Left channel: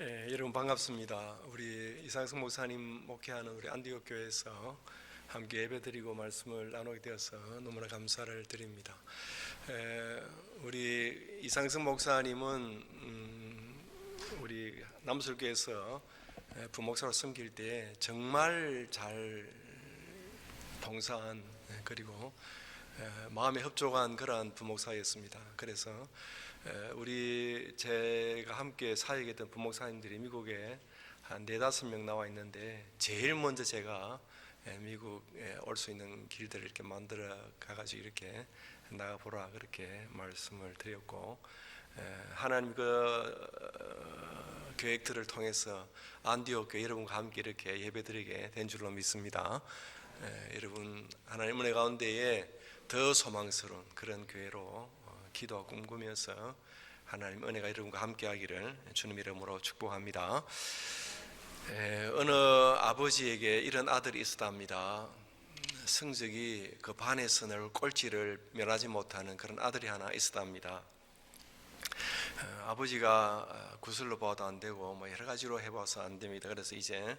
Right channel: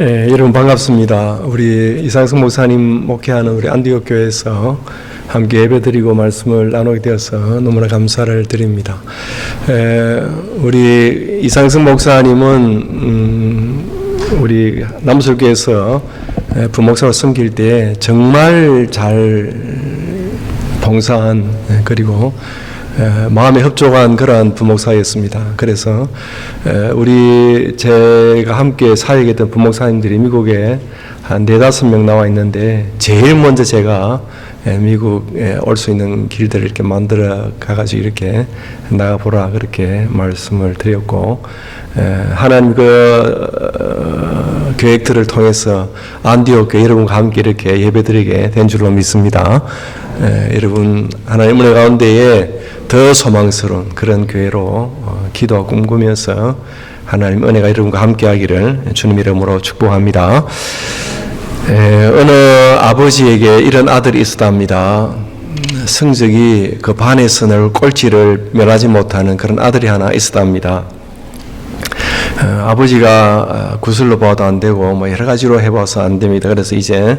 여러분 반갑습니다. 우리 이상승 목사님 목회하는 우리 안디옥 교회에서 함께 예배드리고 말씀을 나누게 되어서 너무나 감사를 드립니다. 우리 이상승 목사님은 우리 남수교에서 부목사로 섬길 때 정말 잘 봉사한 그리고 마음에 흡족한 그러한 부목사였습니다. 그래서 제가 함께 사역했던 부목사님들이 미국에 한 4-5명 나와 있는데 제일 먼저 제가 미국에 올 수 있는 길들을 이렇게 만들어 가가지고 이렇게 나가보라 그렇게 말씀을 드렸고, 하나님 계획들을 통해서 안디옥 교회 여러분과 함께 이렇게 예배드리게 된 줄로 믿습니다. 여러분 하나님 은혜 가운데에 더 소망스러운 그런 교회로 기도하고 꿈꾸면서 하나님 은혜가 여러분과 함께 하기를 주님 이름으로 축복합니다. 어느 아버지에게 이런 아들이 있었답니다. 성적이 그 반에서 꼴찌를 면하지 못하는 그런 아들이 하나 있었답니다. 아버지가 구슬로 봐도 안 되고 뭐 여러 가지로 해봐서 안 됩니다. 그래서 이제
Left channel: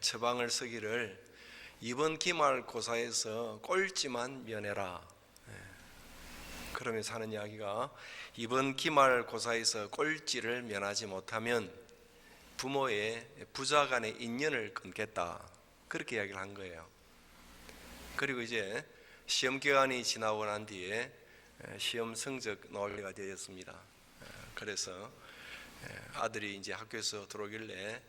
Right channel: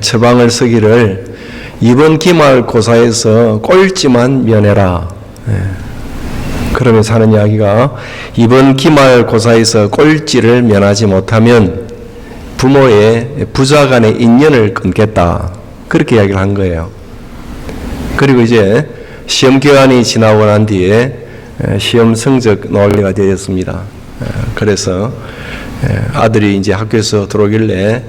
처방을 쓰기를 이번 기말고사에서 꼴찌만 면해라. 그러면서 하는 이야기가 이번 기말고사에서 꼴찌를 면하지 못하면 부모의 부자 간의 인연을 끊겠다. 그렇게 이야기를 한 거예요. 그리고 이제 시험 기간이 지나고 난 뒤에 시험 성적 논리가 되었습니다. 그래서 아들이 이제 학교에서 들어오길래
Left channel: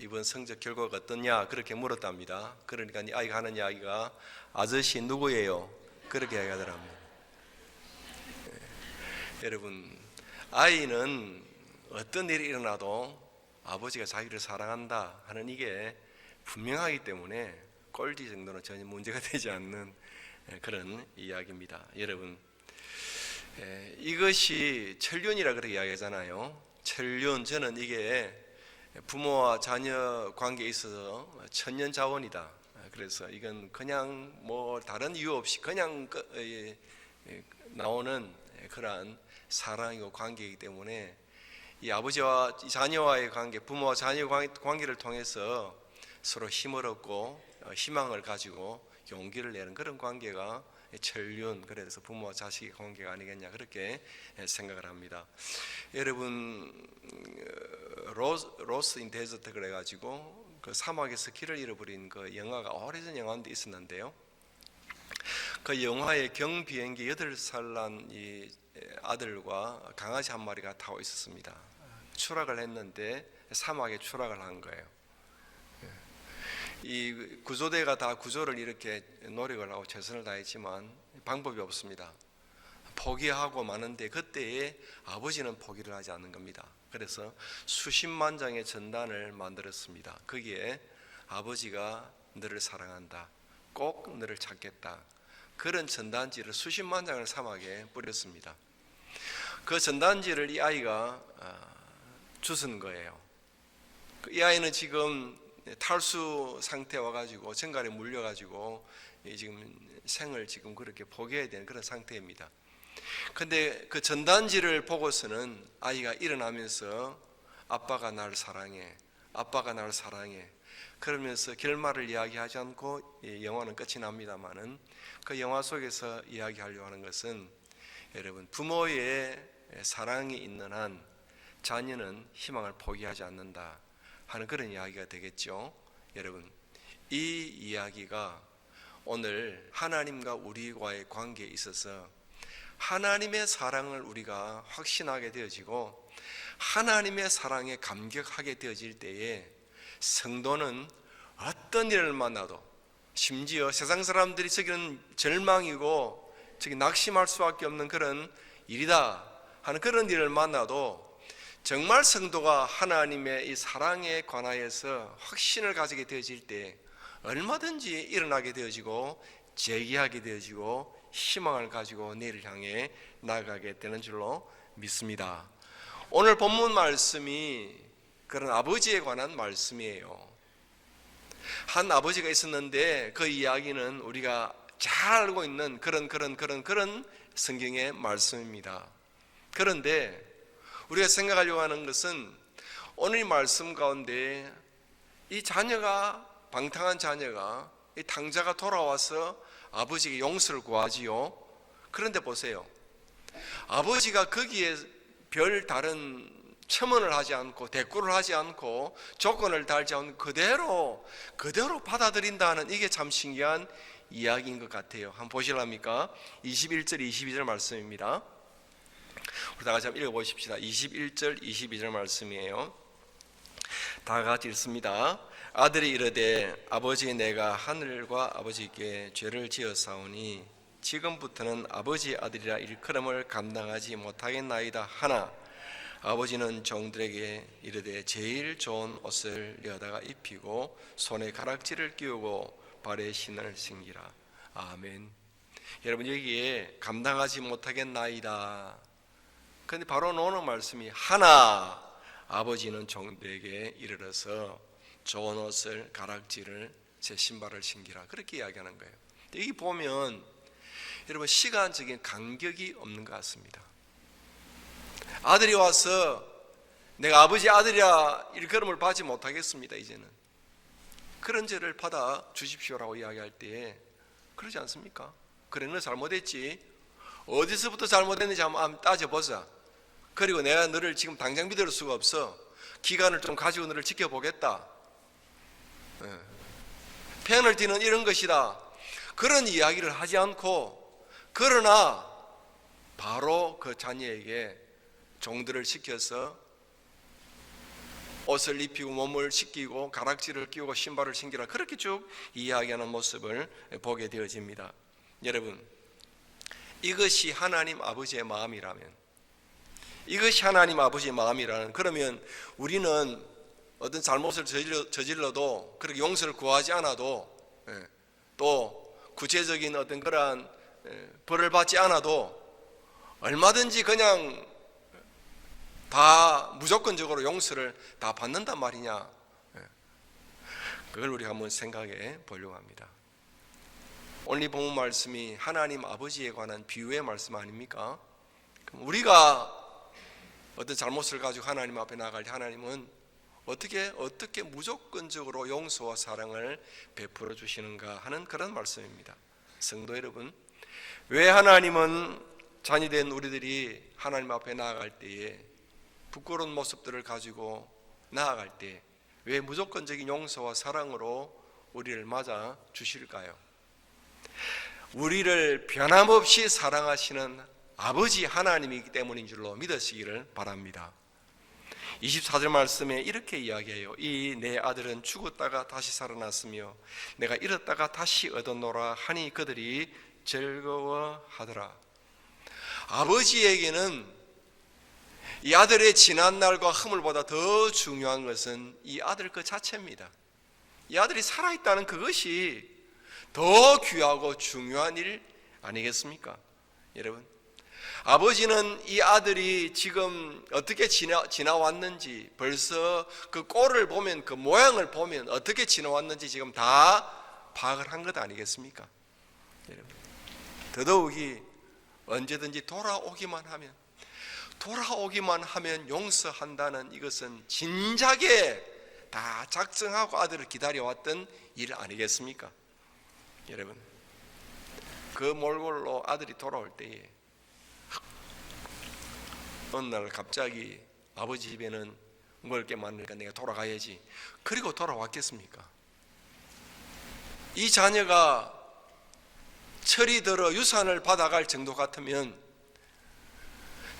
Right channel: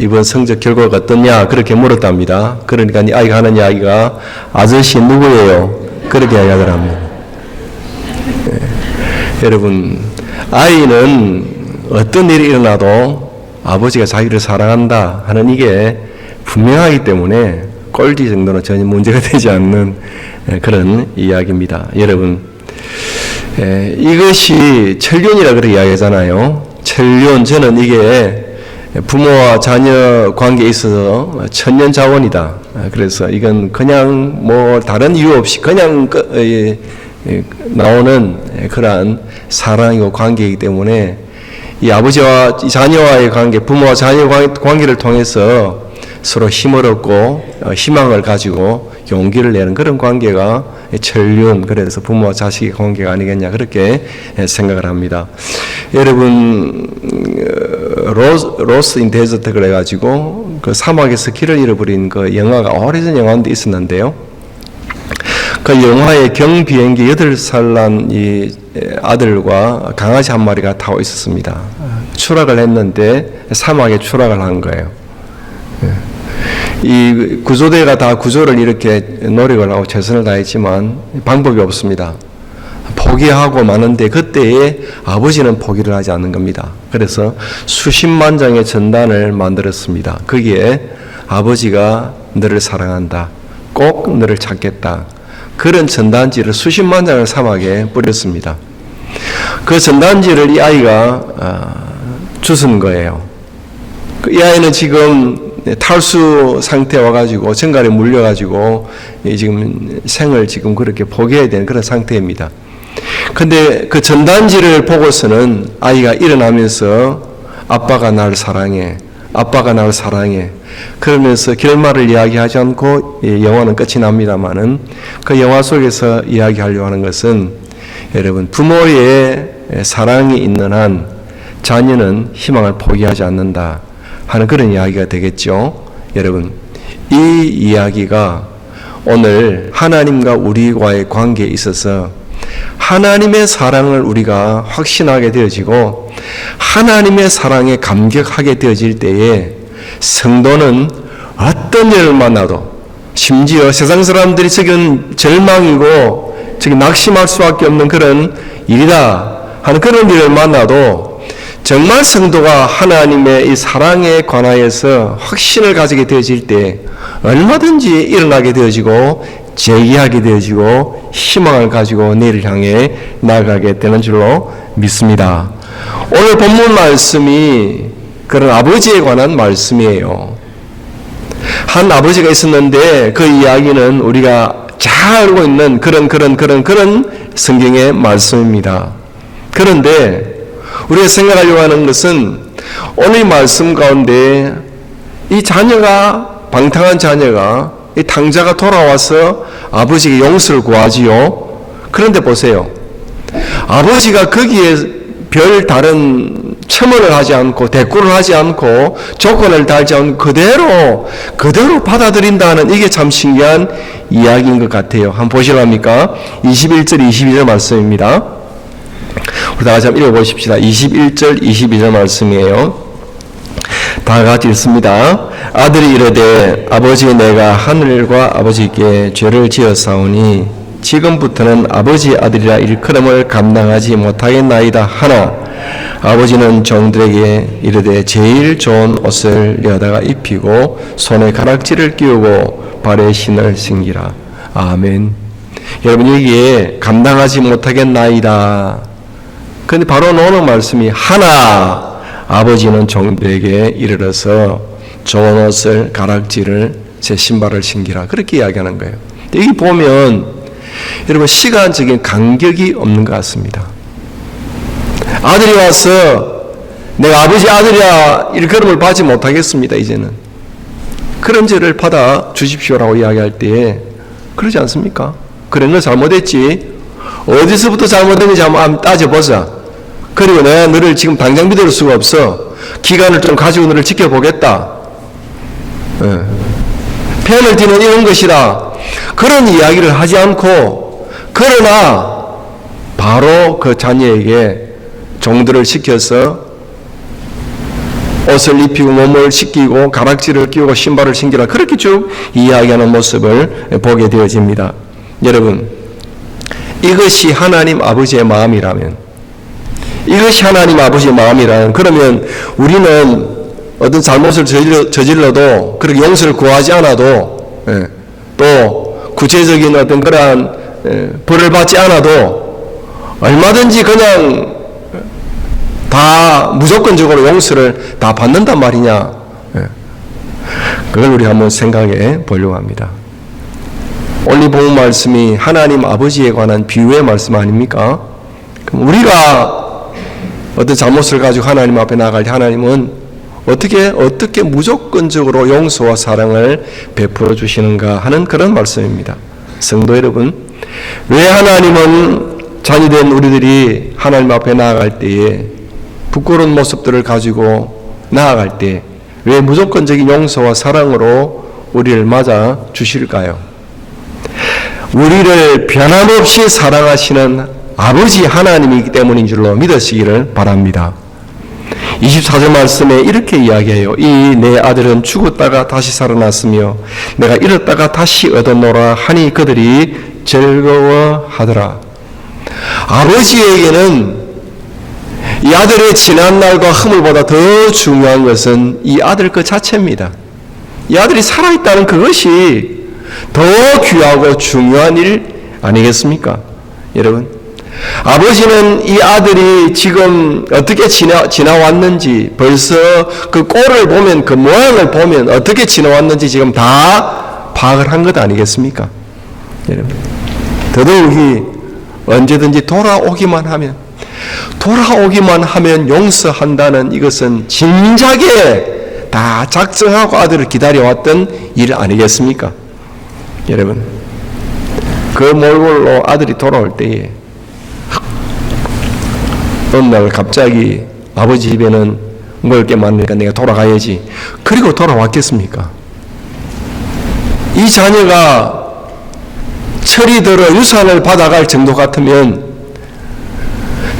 이번 성적 결과가 어떠냐 그렇게 물었답니다. 그러니까 이 아이가 하는 이야기가 아저씨 누구예요? 그렇게 이야기하더랍니다. 여러분 아이는 어떤 일이 일어나도 아버지가 자기를 사랑한다 하는 이게 분명하기 때문에 꼴찌 정도는 전혀 문제가 되지 않는 그런 이야기입니다. 여러분 이것이 천륜이라 그렇게 이야기하잖아요. 천륜, 저는 이게 부모와 자녀 관계에 있어서 천년자원이다. 그래서 이건 그냥 뭐 다른 이유 없이 그냥 나오는 그러한 사랑이고 관계이기 때문에 이 아버지와 자녀와의 관계, 부모와 자녀 관계를 통해서 서로 힘을 얻고 희망을 가지고 용기를 내는 그런 관계가 천륜, 그래서 부모와 자식의 관계가 아니겠냐 그렇게 생각을 합니다. 여러분 로스 인 데저트 그래가지고 그 사막에서 길을 잃어버린 그 영화가 오래전 영화인데 있었는데요. 그 영화에 경비행기 8살 난 이 아들과 강아지 한 마리가 타고 있었습니다. 추락을 했는데 사막에 추락을 한 거예요. 이 구조대가 다 구조를 이렇게 노력을 하고 최선을 다했지만 방법이 없습니다. 포기하고 마는데 그때에 아버지는 포기를 하지 않는 겁니다. 그래서 수십만 장의 전단을 만들었습니다. 거기에 아버지가 너를 사랑한다. 꼭 너를 찾겠다. 그런 전단지를 수십만 장을 사막에 뿌렸습니다. 그 전단지를 이 아이가 주신 거예요. 이 아이는 지금 탈수 상태에 와가지고 정갈에 물려가지고 지금 생을 지금 그렇게 포기해야 되는 그런 상태입니다. 근데 그 전단지를 보고서는 아이가 일어나면서 아빠가 날 사랑해, 아빠가 날 사랑해 그러면서 결말을 이야기하지 않고 영화는 끝이 납니다만은 그 영화 속에서 이야기하려고 하는 것은 여러분 부모의 사랑이 있는 한 자녀는 희망을 포기하지 않는다 하는 그런 이야기가 되겠죠. 여러분 이 이야기가 오늘 하나님과 우리와의 관계에 있어서 하나님의 사랑을 우리가 확신하게 되어지고 하나님의 사랑에 감격하게 되어질 때에 성도는 어떤 일을 만나도 심지어 세상 사람들이 저건 절망이고 저기 낙심할 수밖에 없는 그런 일이다 하는 그런 일을 만나도 정말 성도가 하나님의 이 사랑에 관하여서 확신을 가지게 되어질 때 얼마든지 일어나게 되어지고 재기하게 되어지고 희망을 가지고 내일을 향해 나아가게 되는 줄로 믿습니다. 오늘 본문 말씀이 그런 아버지에 관한 말씀이에요. 한 아버지가 있었는데 그 이야기는 우리가 잘 알고 있는 그런 성경의 말씀입니다. 그런데 우리가 생각하려고 하는 것은 오늘 말씀 가운데 이 자녀가, 방탕한 자녀가, 이 탕자가 돌아와서 아버지에게 용서를 구하지요. 그런데 보세요. 아버지가 거기에 별 다른 첨언을 하지 않고 대꾸를 하지 않고 조건을 달지 않고 그대로 받아들인다는, 이게 참 신기한 이야기인 것 같아요. 한번 보실랍니까? 21절 22절 말씀입니다. 우리 다 같이 한번 읽어보십시다. 21절 22절 말씀이에요. 다 같이 읽습니다. 아들이 이르되 아버지, 내가 하늘과 아버지께 죄를 지었사오니 지금부터는 아버지 아들이라 일컬음을 감당하지 못하겠나이다 하나, 아버지는 종들에게 이르되 제일 좋은 옷을 여다가 입히고 손에 가락지를 끼우고 발에 신을 신기라. 아멘. 여러분, 여기에 감당하지 못하겠나이다. 근데 바로 나오는 말씀이 하나, 아버지는 종들에게 이르러서 좋은 옷을, 가락지를, 새 신발을 신기라. 그렇게 이야기하는 거예요. 여기 보면 여러분, 시간적인 간격이 없는 것 같습니다. 아들이 와서 내가 아버지 아들이야 일컬음을 받지 못하겠습니다. 이제는 그런 죄를 받아 주십시오라고 이야기할 때 그러지 않습니까? 그런 거 잘못했지, 어디서부터 잘못했는지 한번 따져보자. 그리고 내가 너를 지금 당장 믿을 수가 없어. 기간을 좀 가지고 너를 지켜보겠다. 편을 드는 이런 것이다. 그런 이야기를 하지 않고, 그러나 바로 그 자녀에게 종들을 시켜서 옷을 입히고 몸을 씻기고 가락지를 끼우고 신발을 신기라, 그렇게 쭉 이야기하는 모습을 보게 되어집니다. 여러분, 이것이 하나님 아버지의 마음이라면, 이것이 하나님 아버지의 마음이라면, 그러면 우리는 어떤 잘못을 저질러도 그렇게 용서를 구하지 않아도, 또 구체적인 어떤 그러한 벌을 받지 않아도 얼마든지 그냥 다 무조건적으로 용서를 다 받는단 말이냐. 그걸 우리 한번 생각해 보려고 합니다. 오늘 본 말씀이 하나님 아버지에 관한 비유의 말씀 아닙니까? 그럼 우리가 어떤 잘못을 가지고 하나님 앞에 나갈 때 하나님은 어떻게 무조건적으로 용서와 사랑을 베풀어 주시는가 하는 그런 말씀입니다. 성도 여러분, 왜 하나님은 자녀된 우리들이 하나님 앞에 나아갈 때에 부끄러운 모습들을 가지고 나아갈 때 왜 무조건적인 용서와 사랑으로 우리를 맞아 주실까요? 우리를 변함없이 사랑하시는 아버지 하나님이기 때문인 줄로 믿으시기를 바랍니다. 24절 말씀에 이렇게 이야기해요. 이 내 아들은 죽었다가 다시 살아났으며 내가 잃었다가 다시 얻었노라 하니 그들이 즐거워하더라. 아버지에게는 이 아들의 지난날과 허물보다 더 중요한 것은 이 아들 그 자체입니다. 이 아들이 살아있다는 그것이 더 귀하고 중요한 일 아니겠습니까? 여러분, 아버지는 이 아들이 지금 어떻게 지나왔는지, 벌써 그 꼴을 보면, 그 모양을 보면 어떻게 지나왔는지 지금 다 파악을 한 것 아니겠습니까? 여러분, 더더욱이 언제든지 돌아오기만 하면 용서한다는 이것은 진작에 다 작정하고 아들을 기다려왔던 일 아니겠습니까? 여러분, 그 몰골로 아들이 돌아올 때에 어느 날 갑자기 아버지 집에는 먹을 게 많으니까 내가 돌아가야지, 그리고 돌아왔겠습니까? 이 자녀가 철이 들어 유산을 받아갈 정도 같으면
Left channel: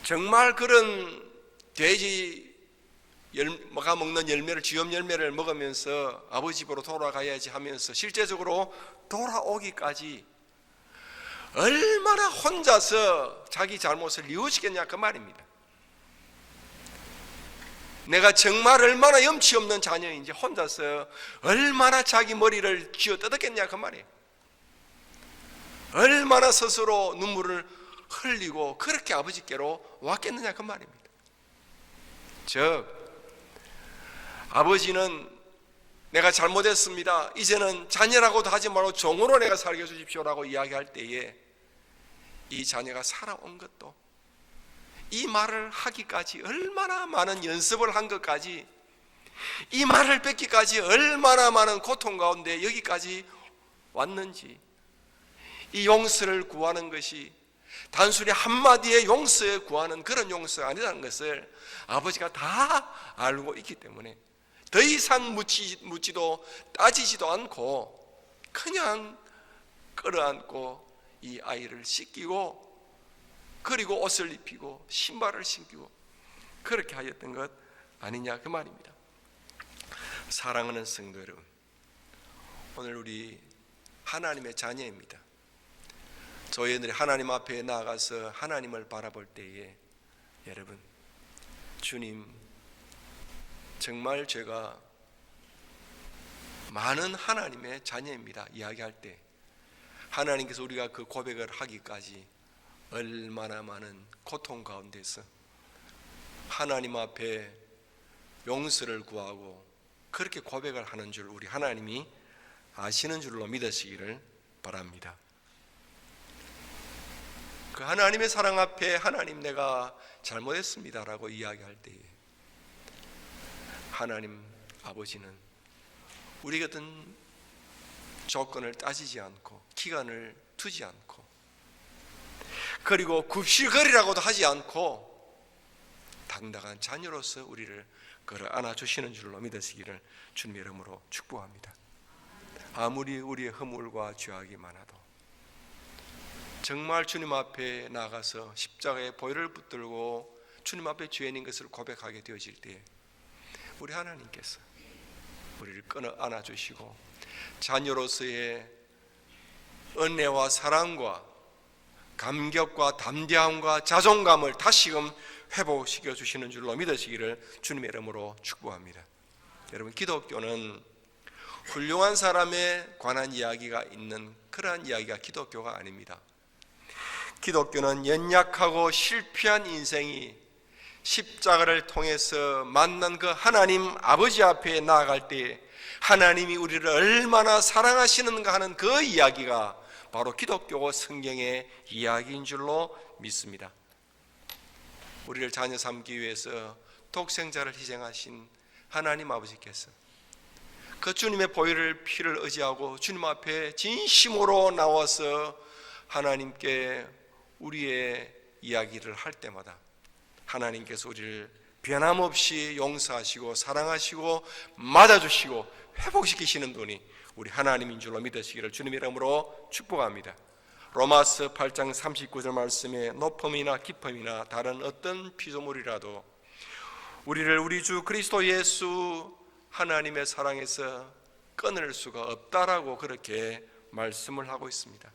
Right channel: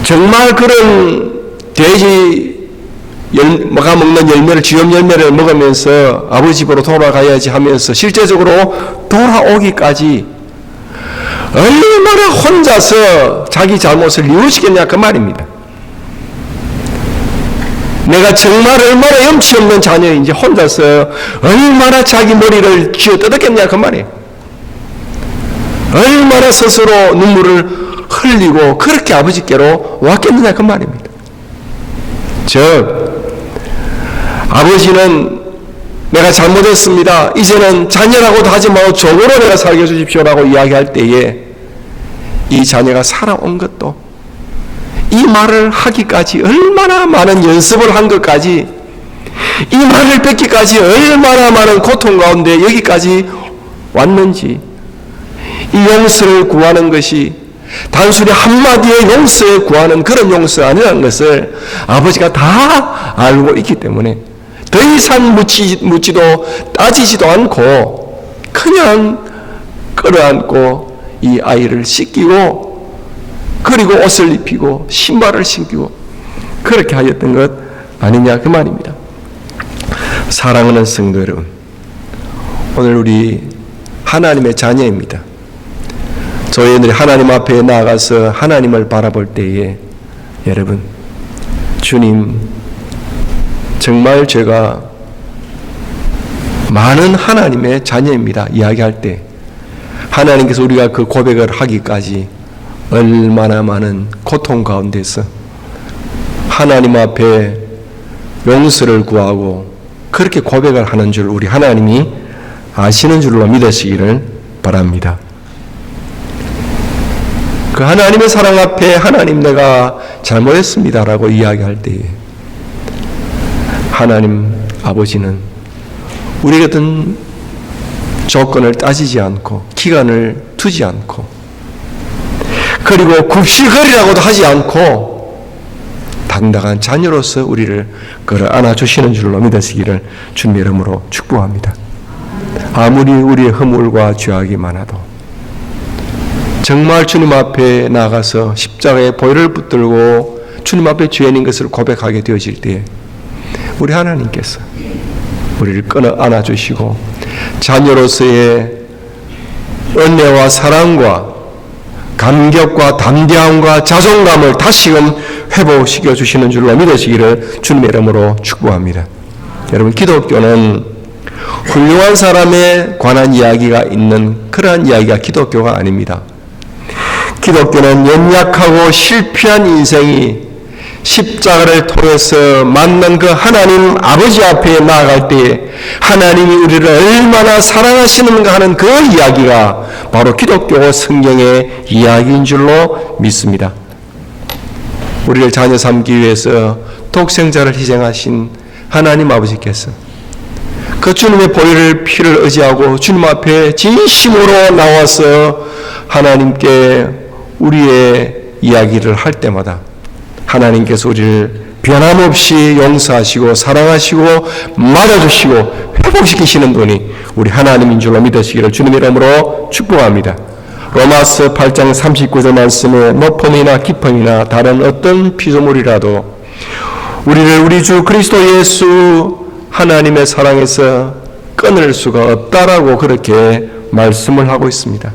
정말 그런 돼지가 먹는 열매를, 쥐염 열매를 먹으면서 아버지 집으로 돌아가야지 하면서 실제적으로 돌아오기까지 얼마나 혼자서 자기 잘못을 뉘우치겠냐 그 말입니다. 내가 정말 얼마나 염치 없는 자녀인지 혼자서 얼마나 자기 머리를 쥐어 뜯었겠냐 그 말이에요. 얼마나 스스로 눈물을 흘리고 그렇게 아버지께로 왔겠느냐 그 말입니다. 즉 아버지는 내가 잘못했습니다, 이제는 자녀라고도 하지 말고 종으로 내가 살게 해주십시오라고 이야기할 때에 이 자녀가 살아온 것도, 이 말을 하기까지 얼마나 많은 연습을 한 것까지, 이 말을 뱉기까지 얼마나 많은 고통 가운데 여기까지 왔는지, 이 용서를 구하는 것이 단순히 한마디의 용서에 구하는 그런 용서 아니라는 것을 아버지가 다 알고 있기 때문에 더 이상 묻지도 따지지도 않고 그냥 끌어안고 이 아이를 씻기고, 그리고 옷을 입히고 신발을 신기고 그렇게 하였던 것 아니냐, 그 말입니다. 사랑하는 성도 여러분, 오늘 우리 하나님의 자녀입니다. 저희들이 하나님 앞에 나아가서 하나님을 바라볼 때에, 여러분, 주님, 정말 제가 많은 하나님의 자녀입니다 이야기할 때, 하나님께서 우리가 그 고백을 하기까지 얼마나 많은 고통 가운데서 하나님 앞에 용서를 구하고 그렇게 고백을 하는 줄 우리 하나님이 아시는 줄로 믿으시기를 바랍니다. 그 하나님의 사랑 앞에 하나님 내가 잘못했습니다라고 이야기할 때에 하나님 아버지는 우리 같은 조건을 따지지 않고 기간을 두지 않고 그리고 굽실거리라고도 하지 않고 당당한 자녀로서 우리를 끌어 안아주시는 줄로 믿으시기를 주님의 이름으로 축복합니다. 아무리 우리의 허물과 죄악이 많아도 정말 주님 앞에 나가서 십자가에 보혈을 붙들고 주님 앞에 죄인인 것을 고백하게 되어질 때에 우리 하나님께서 우리를 끌어 안아주시고 자녀로서의 은혜와 사랑과 감격과 담대함과 자존감을 다시금 회복시켜 주시는 줄로 믿으시기를 주님의 이름으로 축복합니다. 여러분, 기독교는 훌륭한 사람에 관한 이야기가 있는 그러한 이야기가 기독교가 아닙니다. 기독교는 연약하고 실패한 인생이 십자가를 통해서 만난 그 하나님 아버지 앞에 나아갈 때에 하나님이 우리를 얼마나 사랑하시는가 하는 그 이야기가 바로 기독교 성경의 이야기인 줄로 믿습니다. 우리를 자녀 삼기 위해서 독생자를 희생하신 하나님 아버지께서 그 주님의 보혈을 피를 의지하고 주님 앞에 진심으로 나와서 하나님께 우리의 이야기를 할 때마다 하나님께서 우리를 변함없이 용서하시고 사랑하시고 맞아주시고 회복시키시는 분이 우리 하나님인 줄로 믿으시기를 주님의 이름으로 축복합니다. 로마서 8장 39절 말씀에 높음이나 깊음이나 다른 어떤 피조물이라도 우리를 우리 주 그리스도 예수 하나님의 사랑에서 끊을 수가 없다라고 그렇게 말씀을 하고 있습니다.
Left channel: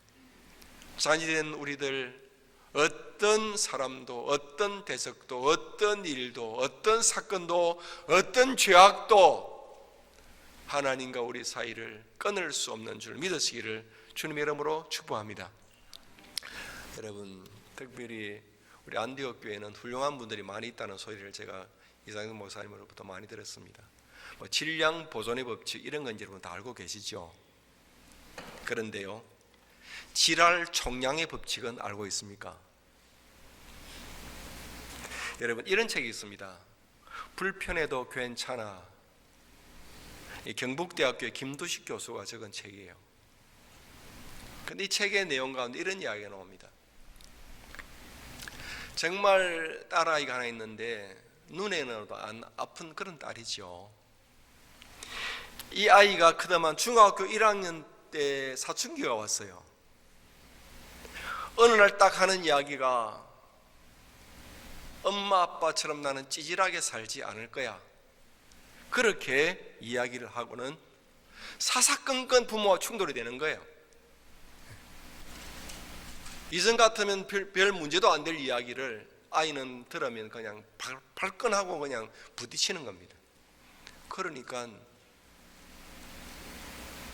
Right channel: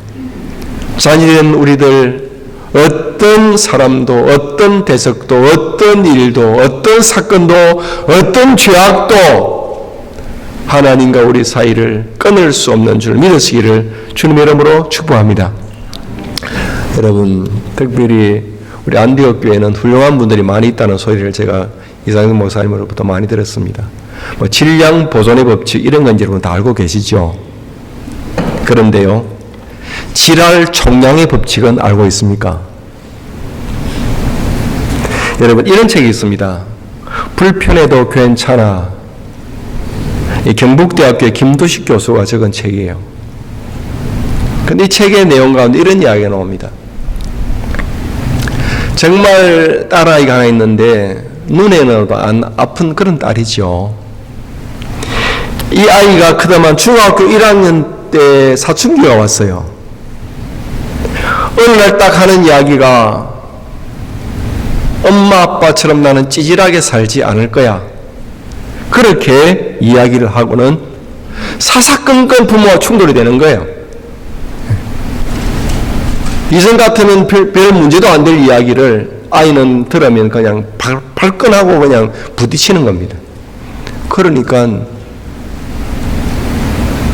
자녀된 우리들 어떤 사람도 어떤 대적도 어떤 일도 어떤 사건도 어떤 죄악도 하나님과 우리 사이를 끊을 수 없는 줄 믿으시기를 주님의 이름으로 축복합니다. 여러분, 특별히 우리 안디옥 교회는 훌륭한 분들이 많이 있다는 소리를 제가 이상현 목사님으로부터 많이 들었습니다. 질량 보존의 법칙 이런 건 여러분 다 알고 계시죠? 그런데요, 질할 총량의 법칙은 알고 있습니까? 여러분, 이런 책이 있습니다. 불편해도 괜찮아. 이 경북대학교의 김두식 교수가 적은 책이에요. 근데 이 책의 내용 가운데 이런 이야기가 나옵니다. 정말 딸아이가 하나 있는데 눈에는 안 아픈 그런 딸이죠. 이 아이가 크다만 중학교 1학년 때 사춘기가 왔어요. 어느 날 딱 하는 이야기가 엄마 아빠처럼 나는 찌질하게 살지 않을 거야. 그렇게 이야기를 하고는 사사건건 부모와 충돌이 되는 거예요. 이전 같으면 별 문제도 안 될 이야기를 아이는 들으면 그냥 발끈하고 그냥 부딪히는 겁니다. 그러니까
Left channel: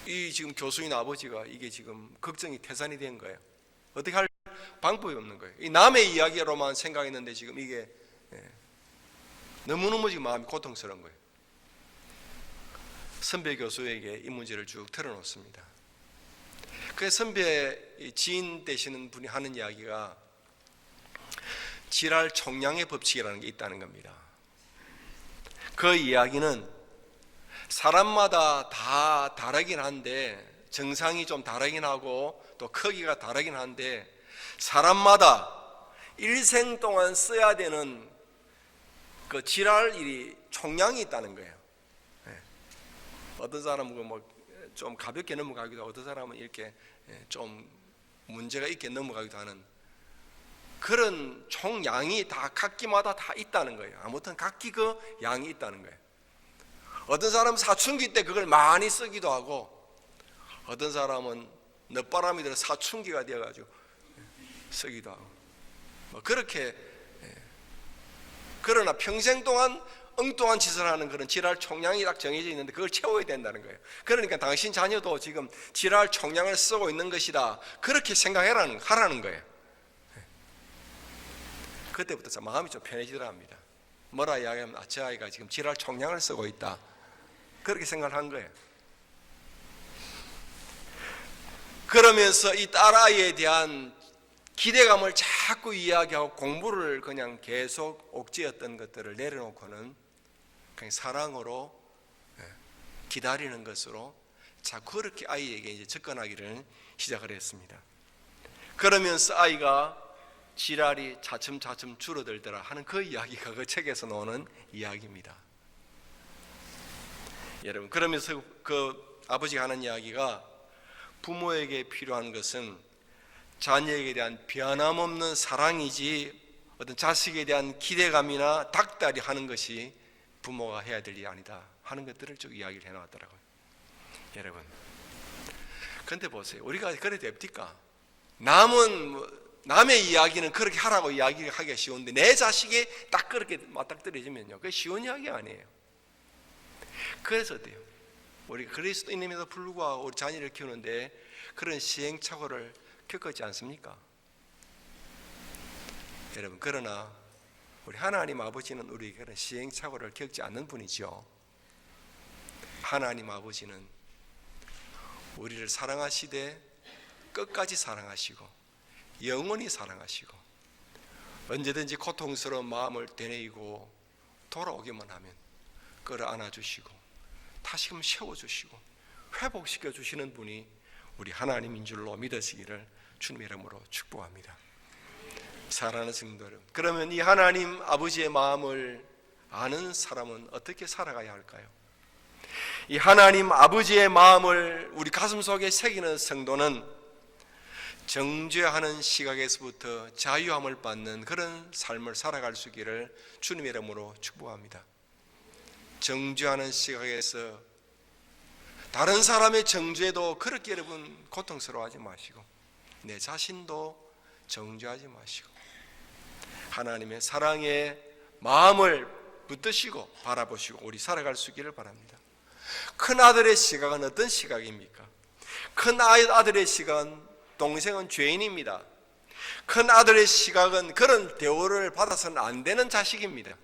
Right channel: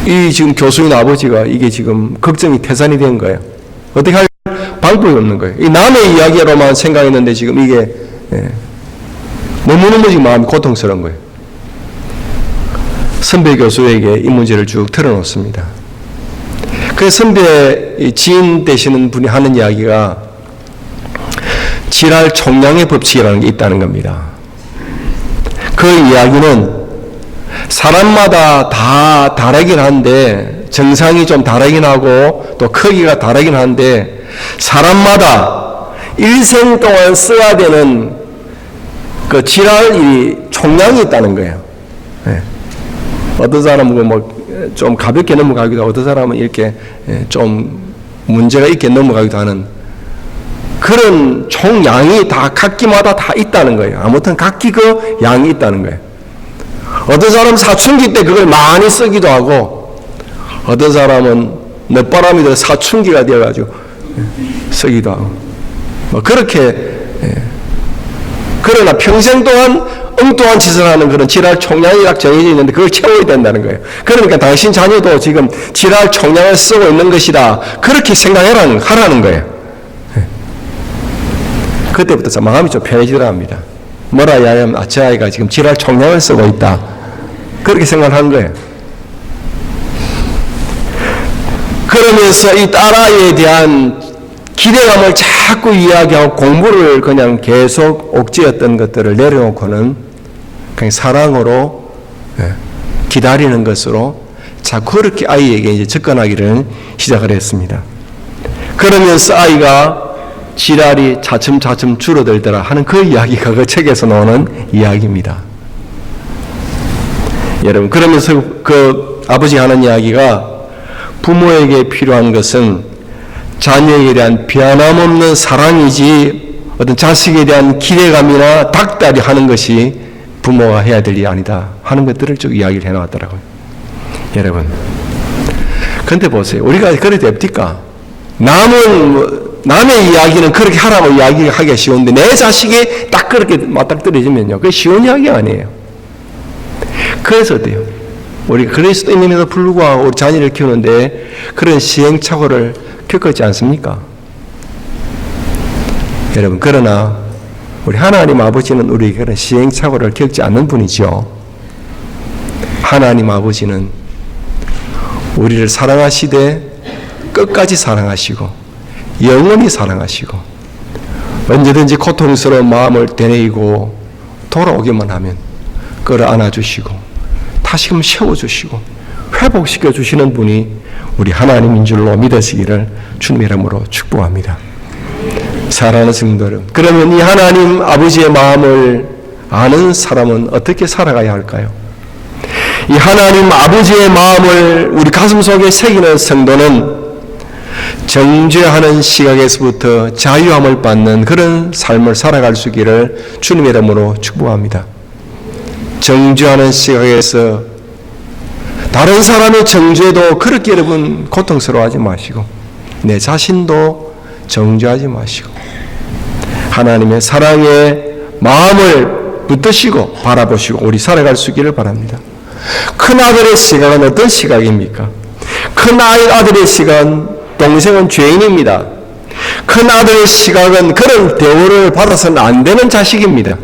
이 지금 교수인 아버지가 이게 지금 걱정이 태산이 된 거예요. 어떻게 할 방법이 없는 거예요. 이 남의 이야기로만 생각했는데 지금 이게 너무너무 지금 마음이 고통스러운 거예요. 선배 교수에게 이 문제를 쭉 털어놓습니다. 그 선배 지인 되시는 분이 하는 이야기가 지랄 총량의 법칙이라는 게 있다는 겁니다. 그 이야기는 사람마다 다 다르긴 한데, 정상이 좀 다르긴 하고 또 크기가 다르긴 한데, 사람마다 일생 동안 써야 되는 그 지랄이 총량이 있다는 거예요. 네. 어떤 사람은 뭐 좀 가볍게 넘어가기도 하고, 어떤 사람은 이렇게 좀 문제가 있게 넘어가기도 하는 그런 총량이 다 각기마다 다 있다는 거예요. 아무튼 각기 그 양이 있다는 거예요. 어떤 사람은 사춘기 때 그걸 많이 쓰기도 하고, 어떤 사람은 늦바람이 들어 사춘기가 되어가지고 쓰기도 하고, 뭐 그렇게. 그러나 평생 동안 엉뚱한 짓을 하는 그런 지랄 총량이 딱 정해져 있는데 그걸 채워야 된다는 거예요. 그러니까 당신 자녀도 지금 지랄 총량을 쓰고 있는 것이다, 그렇게 하라는 거예요. 그때부터 마음이 좀 편해지더라 합니다. 뭐라 이야기하면, 저 아이가 지금 지랄 총량을 쓰고 있다, 그렇게 생각하는 거예요. 그러면서 이 딸아이에 대한 기대감을 자꾸 이야기하고 공부를 그냥 계속 옥죄었던 것들을 내려놓고는 그냥 사랑으로 기다리는 것으로 자꾸 그렇게 아이에게 이제 접근하기를 시작을 했습니다. 그러면서 아이가 지랄이 차츰차츰 줄어들더라 하는 그 이야기가 그 책에서 나오는 이야기입니다. 여러분, 그러면서 그 아버지가 하는 이야기가, 부모에게 필요한 것은 자녀에 대한 변함없는 사랑이지 어떤 자식에 대한 기대감이나 닥달이 하는 것이 부모가 해야 될 일이 아니다 하는 것들을 쭉 이야기를 해놨더라고요. 여러분, 근데 보세요. 우리가 그래도 됩니까? 남의 이야기는 그렇게 하라고 이야기하기가 쉬운데 내 자식이 딱 그렇게 맞닥뜨려지면요, 그게 쉬운 이야기 아니에요. 그래서 어때요? 우리가 그리스도인임에도 불구하고 우리 자녀를 키우는데 그런 시행착오를 겪었지 않습니까? 여러분, 그러나 우리 하나님 아버지는 우리에게 그런 시행착오를 겪지 않는 분이죠. 하나님 아버지는 우리를 사랑하시되 끝까지 사랑하시고 영원히 사랑하시고 언제든지 고통스러운 마음을 되뇌이고 돌아오기만 하면 끌어안아주시고 다시금 세워주시고 회복시켜주시는 분이 우리 하나님인 줄로 믿으시기를 주님의 이름으로 축복합니다. 사랑하는 성도 여러분, 그러면 이 하나님 아버지의 마음을 아는 사람은 어떻게 살아가야 할까요? 이 하나님 아버지의 마음을 우리 가슴속에 새기는 성도는 정죄하는 시각에서부터 자유함을 받는 그런 삶을 살아갈 수 있기를 주님의 이름으로 축복합니다. 정죄하는 시각에서 다른 사람의 정죄도 그렇게 여러분 고통스러워하지 마시고 내 자신도 정죄하지 마시고 하나님의 사랑의 마음을 붙드시고 바라보시고 우리 살아갈 수 있기를 바랍니다. 큰아들의 시각은 어떤 시각입니까? 큰아들의 시각은 동생은 죄인입니다. 큰아들의 시각은 그런 대우를 받아서는 안 되는 자식입니다.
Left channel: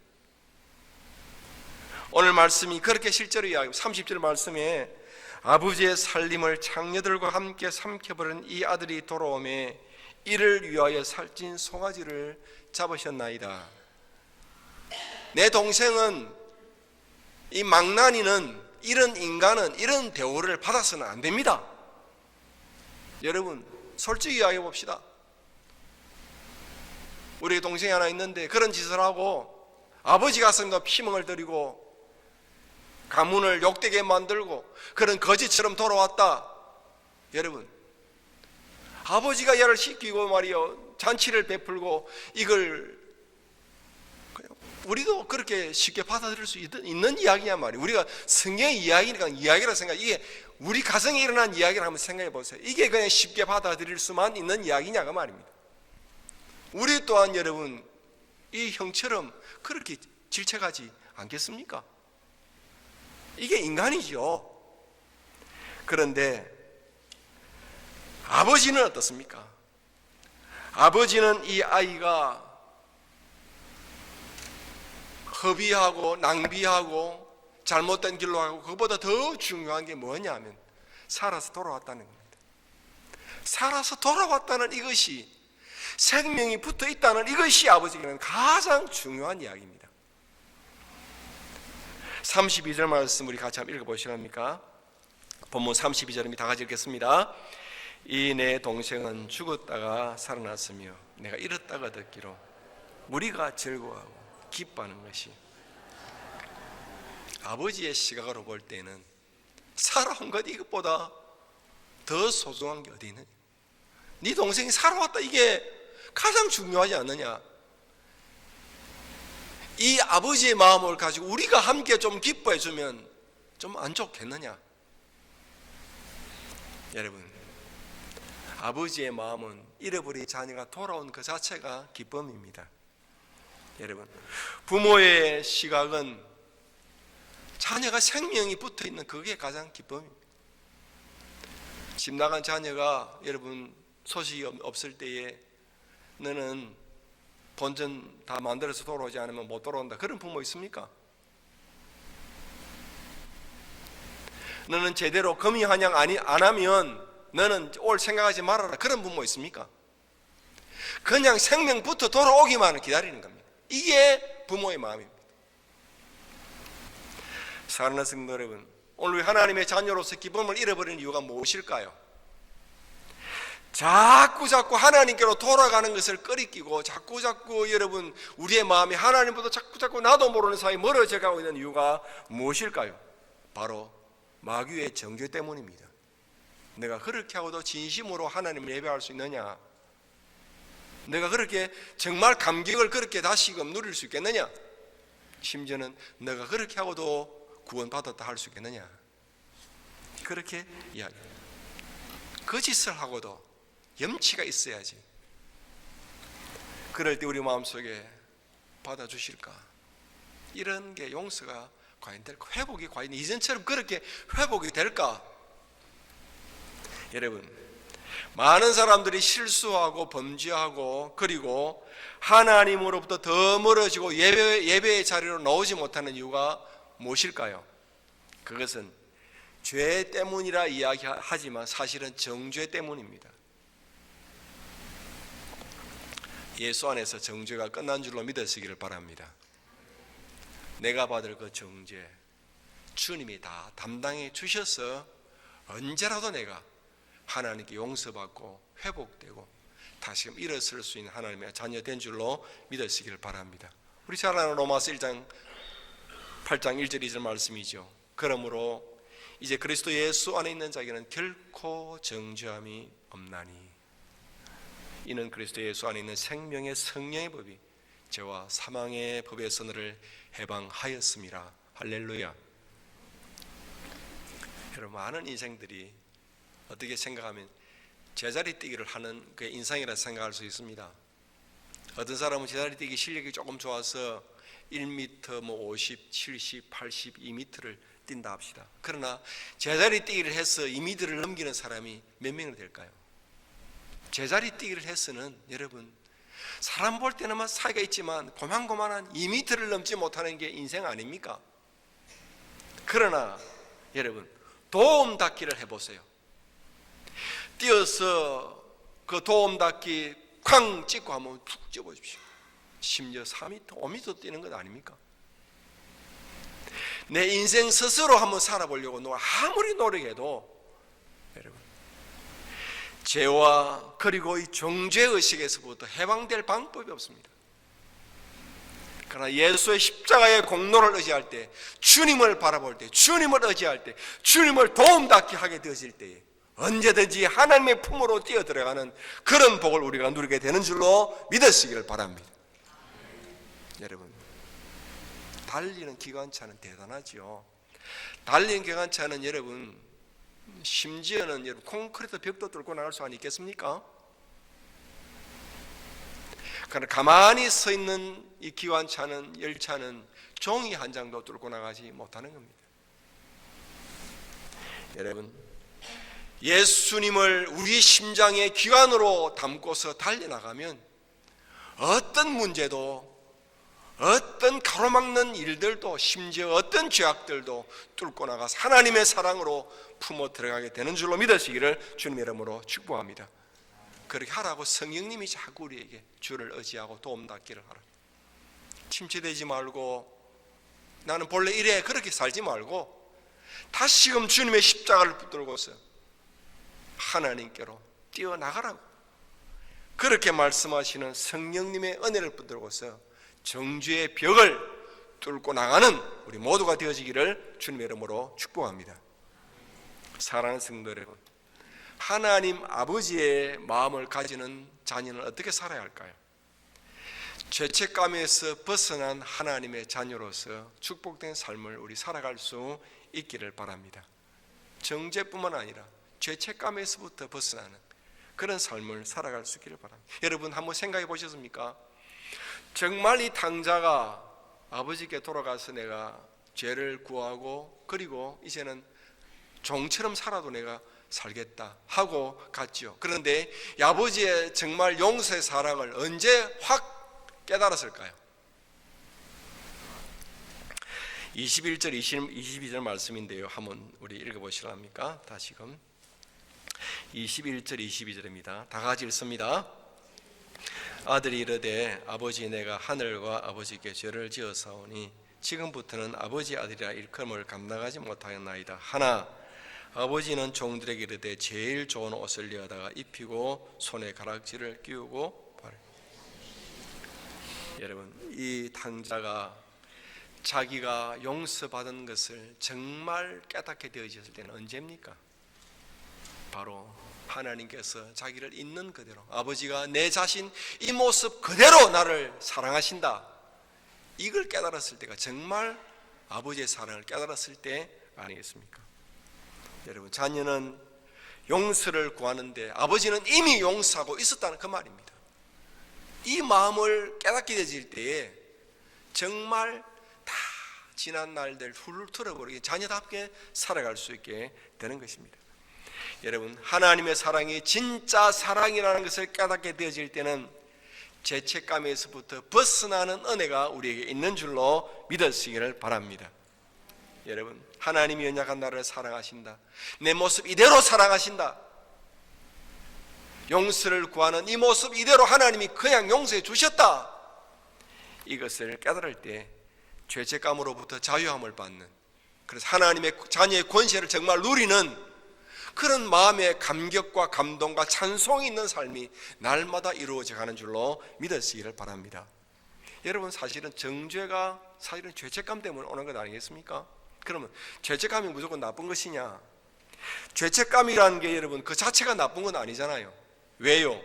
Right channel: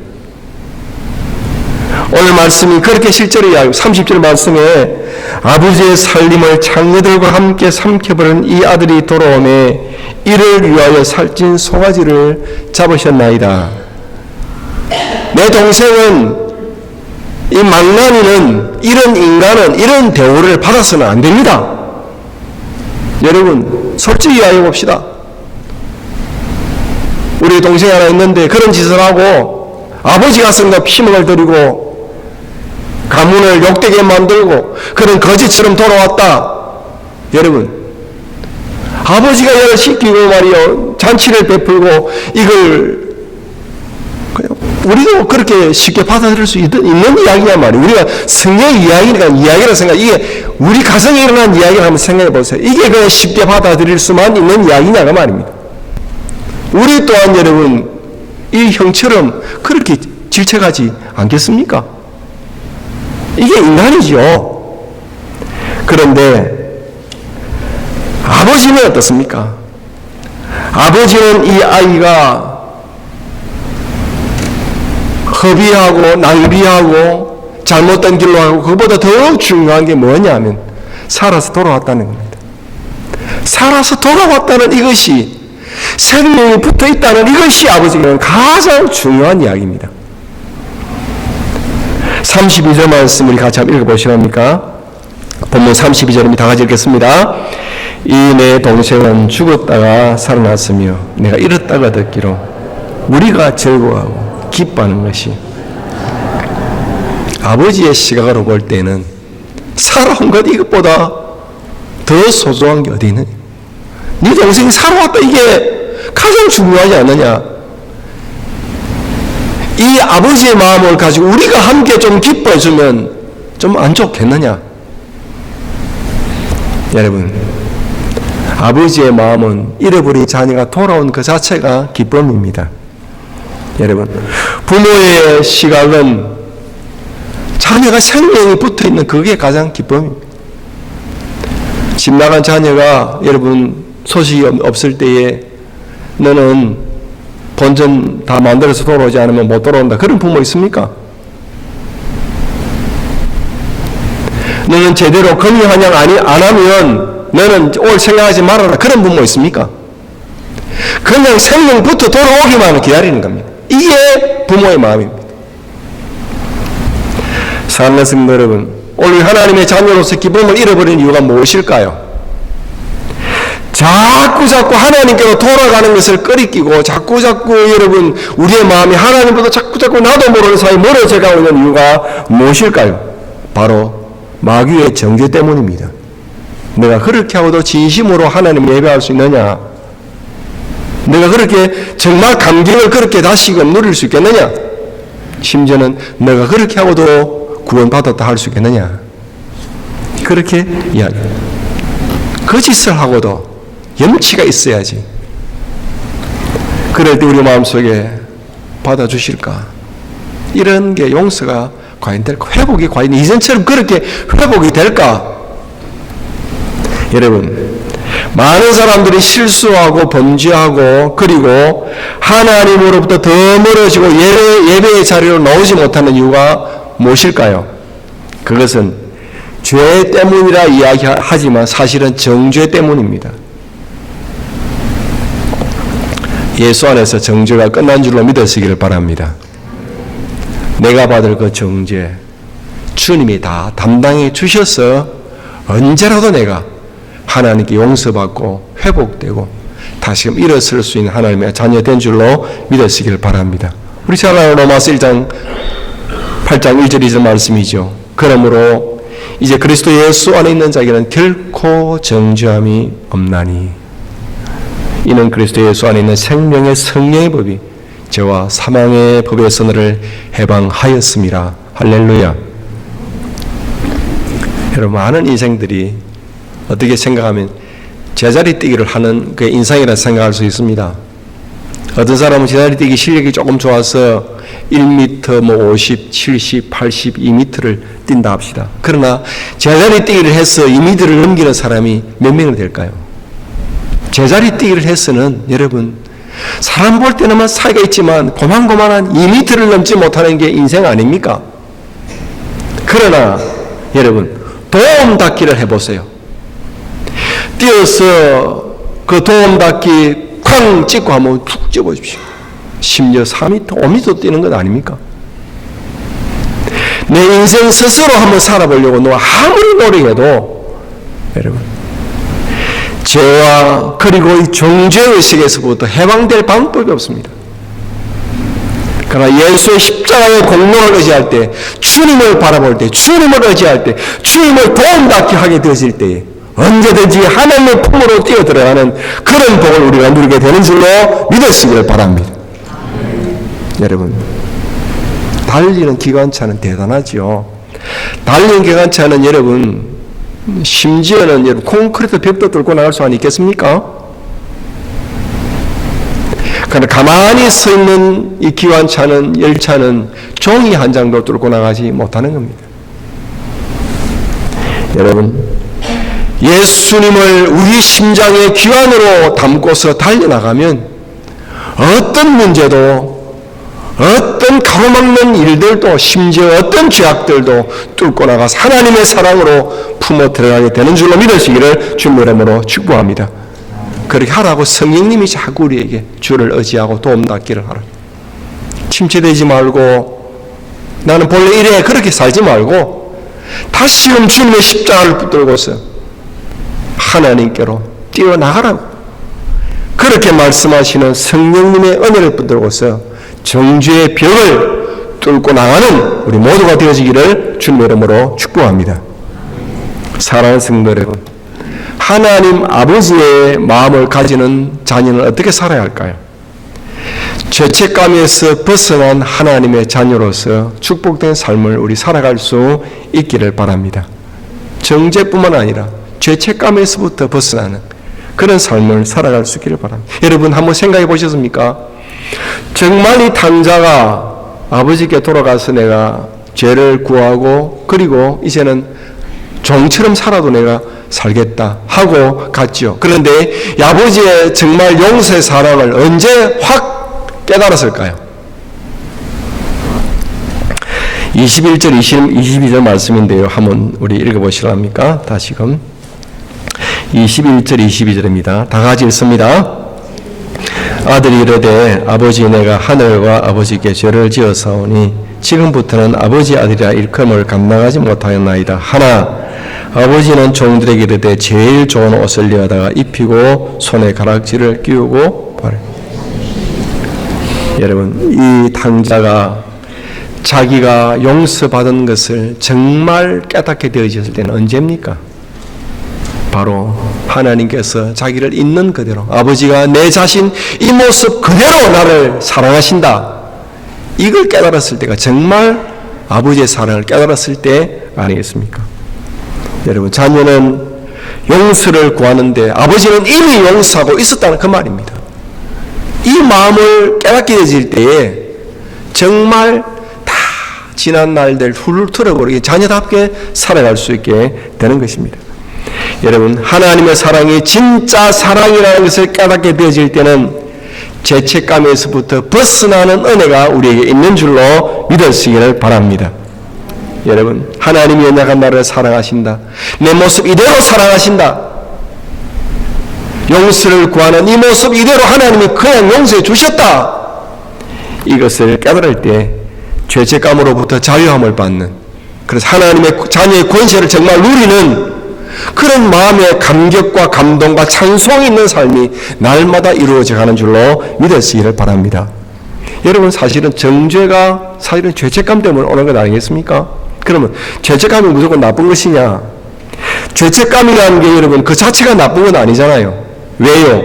오늘 말씀이 그렇게 실제로 이야기하고 30절 말씀에 아버지의 살림을 장녀들과 함께 삼켜버린 이 아들이 돌아오매 이를 위하여 살찐 송아지를 잡으셨나이다. 내 동생은 이 망나니는 이런 인간은 이런 대우를 받아서는 안 됩니다. 여러분 솔직히 이야기해 봅시다. 우리 동생이 하나 있는데 그런 짓을 하고 아버지 가슴과 피멍을 들이고 가문을 욕되게 만들고 그런 거지처럼 돌아왔다. 여러분 아버지가 얘를 시키고 말이요 잔치를 베풀고 이걸 우리도 그렇게 쉽게 받아들일 수 있는 이야기냐 말이에요. 우리가 성경 이야기니까 이야기라 생각, 이게 우리 가정에 일어난 이야기를 한번 생각해 보세요. 이게 그냥 쉽게 받아들일 수만 있는 이야기냐가 말입니다. 우리 또한 여러분 이 형처럼 그렇게 질책하지 않겠습니까? 이게 인간이죠. 그런데 아버지는 어떻습니까? 아버지는 이 아이가 허비하고 낭비하고 잘못된 길로 하고 그보다 더 중요한 게 뭐냐면 살아서 돌아왔다는 겁니다. 살아서 돌아왔다는 이것이 생명이 붙어 있다는 이것이 아버지에게는 가장 중요한 이야기입니다. 32절 말씀 우리 같이 한번 읽어보시랍니까? 본문 32절입니다. 다 같이 읽겠습니다. 이 내 동생은 죽었다가 살아났으며 내가 잃었다가 듣기로 우리가 즐거워하고 기뻐하는 것이, 아버지의 시각으로 볼 때는 살아온 것 이것보다 더 소중한 게 어디 있느냐. 네 동생이 살아왔다, 이게 가장 중요하지 않느냐. 이 아버지의 마음을 가지고 우리가 함께 좀 기뻐해주면 좀 안 좋겠느냐. 여러분, 아버지의 마음은 잃어버린 자녀가 돌아온 그 자체가 기쁨입니다. 여러분, 부모의 시각은 자녀가 생명이 붙어있는 그게 가장 기쁨입니다. 집 나간 자녀가 여러분 소식이 없을 때에 너는 본전 다 만들어서 돌아오지 않으면 못 돌아온다, 그런 부모 있습니까? 너는 제대로 금이 환영 안 하면 너는 올 생각하지 말아라, 그런 부모 있습니까? 그냥 생명부터 돌아오기만을 기다리는 겁니다. 이게 부모의 마음입니다. 사랑하는 성도 여러분, 오늘 하나님의 자녀로서 기쁨을 잃어버린 이유가 무엇일까요? 자꾸 하나님께로 돌아가는 것을 꺼리끼고 자꾸 여러분 우리의 마음이 하나님보다 자꾸 나도 모르는 사이에 멀어져 가고 있는 이유가 무엇일까요? 바로 마귀의 정죄 때문입니다. 내가 그렇게 하고도 진심으로 하나님을 예배할 수 있느냐? 내가 그렇게 정말 감격을 그렇게 다시금 누릴 수 있겠느냐? 심지어는 내가 그렇게 하고도 구원받았다 할 수 있겠느냐? 그렇게 이야기합니다. 거짓을 하고도 염치가 있어야지. 그럴 때 우리 마음속에 받아주실까? 이런 게 용서가 과연 될까? 회복이 과연 이전처럼 그렇게 회복이 될까? 여러분, 많은 사람들이 실수하고 범죄하고 그리고 하나님으로부터 더 멀어지고 예배의 자리로 나오지 못하는 이유가 무엇일까요? 그것은 죄 때문이라 이야기하지만 사실은 정죄 때문입니다. 예수 안에서 정죄가 끝난 줄로 믿으시기를 바랍니다. 내가 받을 그 정죄 주님이 다 담당해 주셔서 언제라도 내가 하나님께 용서받고 회복되고 다시금 일어설 수 있는 하나님의 자녀 된 줄로 믿으시기를 바랍니다. 우리 잘 아는 로마서 1장 8장 1절 2절 말씀이죠. 그러므로 이제 그리스도 예수 안에 있는 자에게는 결코 정죄함이 없나니 이는 그리스도 예수 안에 있는 생명의 성령의 법이 죄와 사망의 법에서 너를 해방하였음이라. 할렐루야. 여러분, 많은 인생들이 어떻게 생각하면 제자리 뛰기를 하는 그 인상이라 생각할 수 있습니다. 어떤 사람은 제자리 뛰기 실력이 조금 좋아서 1m 50, 70, 80, 2m를 뛴다 합시다. 그러나 제자리 뛰기를 해서 2m를 넘기는 사람이 몇 명이 될까요? 제자리 뛰기를 해서는 여러분, 사람 볼 때는 사이가 있지만 고만고만한 2m를 넘지 못하는 게 인생 아닙니까? 그러나 여러분, 도움 닫기를 해보세요. 뛰어서 그 도움 닫기 쾅 찍고 한번 툭 찍어보십시오. 심지어 4m, 5m 뛰는 것 아닙니까? 내 인생 스스로 한번 살아보려고 아무리 노력해도 여러분, 죄와 그리고 이 정죄의식에서부터 해방될 방법이 없습니다. 그러나 예수의 십자가의 공로를 의지할 때, 주님을 바라볼 때, 주님을 의지할 때, 주님을 도움받게 하게 되어질 때에 언제든지 하나님의 품으로 뛰어들어가는 그런 복을 우리가 누리게 되는 줄로 믿으시기를 바랍니다. 여러분, 달리는 기관차는 대단하죠. 달리는 기관차는 여러분, 심지어는 여러분 콘크리트 벽도 뚫고 나갈 수 있겠습니까? 그러나 가만히 서 있는 이 기관차는, 열차는 종이 한 장도 뚫고 나가지 못하는 겁니다. 여러분, 예수님을 우리 심장의 기관으로 담고서 달려나가면 어떤 문제도, 어떤 가로막는 일들도, 심지어 어떤 죄악들도 뚫고 나가서 하나님의 사랑으로 품어 들어가게 되는 줄로 믿으시기를 주님의 이름으로 축복합니다. 그렇게 하라고 성령님이 자꾸 우리에게 주를 의지하고 도움닫기를 하라. 침체되지 말고 나는 본래 이래 그렇게 살지 말고 다시금 주님의 십자가를 붙들고서 하나님께로 뛰어나가라고 그렇게 말씀하시는 성령님의 은혜를 붙들고서 정죄의 벽을 뚫고 나가는 우리 모두가 되어지기를 주님의 이름으로 축복합니다. 사랑하는 성도 여러분, 하나님 아버지의 마음을 가지는 자녀는 어떻게 살아야 할까요? 죄책감에서 벗어난 하나님의 자녀로서 축복된 삶을 우리 살아갈 수 있기를 바랍니다. 정죄뿐만 아니라 죄책감에서부터 벗어나는 그런 삶을 살아갈 수 있기를 바랍니다. 여러분 한번 생각해 보셨습니까? 정말 이 탕자가 아버지께 돌아가서 내가 죄를 구하고 그리고 이제는 종처럼 살아도 내가 살겠다 하고 갔죠. 그런데 이 아버지의 정말 용서의 사랑을 언제 확 깨달았을까요? 21절 22절 말씀인데요. 한번 우리 읽어보시랍니까? 다시금 21절 22절입니다. 다 같이 읽습니다. 아들이 이르되 아버지 내가 하늘과 아버지께 죄를 지었사오니 지금부터는 아버지 아들이라 일컬음을 감당하지 못하였나이다 하나 아버지는 종들에게 이르되 제일 좋은 옷을 내어다가 입히고 손에 가락지를 끼우고 바래. 여러분 이 탕자가 자기가 용서받은 것을 정말 깨닫게 되어졌을 때는 언제입니까? 바로 하나님께서 자기를 있는 그대로 아버지가 내 자신 이 모습 그대로 나를 사랑하신다 이걸 깨달았을 때가 정말 아버지의 사랑을 깨달았을 때 아니겠습니까? 여러분 자녀는 용서를 구하는데 아버지는 이미 용서하고 있었다는 그 말입니다. 이 마음을 깨닫게 되질 때에 정말 다 지난 날들 훌훌 털어버리게 자녀답게 살아갈 수 있게 되는 것입니다. 여러분 하나님의 사랑이 진짜 사랑이라는 것을 깨닫게 되어질 때는 죄책감에서부터 벗어나는 은혜가 우리에게 있는 줄로 믿으시기를 바랍니다. 여러분 하나님이 연약한 나를 사랑하신다. 내 모습 이대로 사랑하신다. 용서를 구하는 이 모습 이대로 하나님이 그냥 용서해 주셨다. 이것을 깨달을 때 죄책감으로부터 자유함을 받는 그래서 하나님의 자녀의 권세를 정말 누리는 그런 마음의 감격과 감동과 찬송이 있는 삶이 날마다 이루어져 가는 줄로 믿으시기를 바랍니다. 여러분 사실은 정죄가 사실은 죄책감 때문에 오는 것 아니겠습니까? 그러면 죄책감이 무조건 나쁜 것이냐? 죄책감이라는 게 여러분 그 자체가 나쁜 건 아니잖아요. 왜요?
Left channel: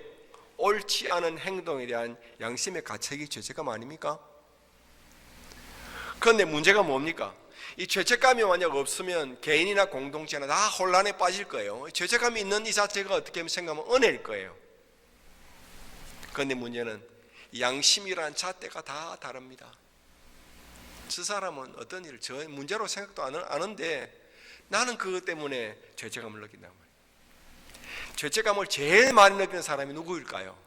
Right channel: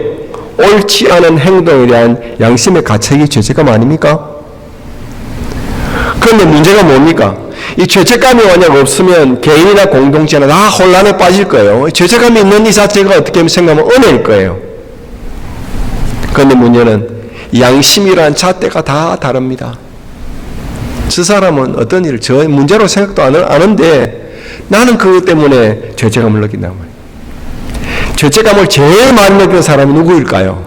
옳지 않은 행동에 대한 양심의 가책이 죄책감 아닙니까? 그런데 문제가 뭡니까? 이 죄책감이 만약 없으면 개인이나 공동체나 다 혼란에 빠질 거예요. 죄책감이 있는 이 자체가 어떻게 생각하면 은혜일 거예요. 그런데 문제는 양심이란 잣대가 다 다릅니다. 저 사람은 어떤 일을 저 문제로 생각도 안 하는데 나는 그것 때문에 죄책감을 느낀단 말이에요. 죄책감을 제일 많이 느끼는 사람이 누구일까요?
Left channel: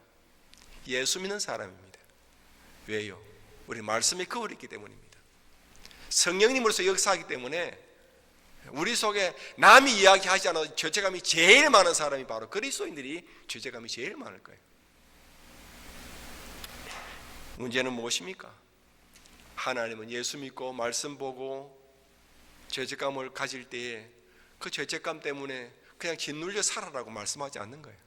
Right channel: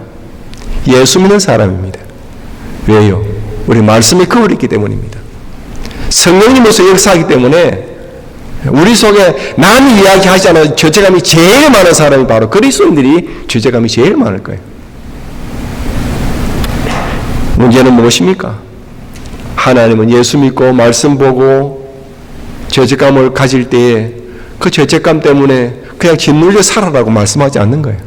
예수 믿는 사람입니다. 왜요? 우리 말씀이 그걸 있기 때문입니다. 성령님으로서 역사하기 때문에 우리 속에 남이 이야기하지 않아도 죄책감이 제일 많은 사람이 바로 그리스도인들이 죄책감이 제일 많을 거예요. 문제는 무엇입니까? 하나님은 예수 믿고 말씀 보고 죄책감을 가질 때에 그 죄책감 때문에 그냥 짓눌려 살아라고 말씀하지 않는 거예요.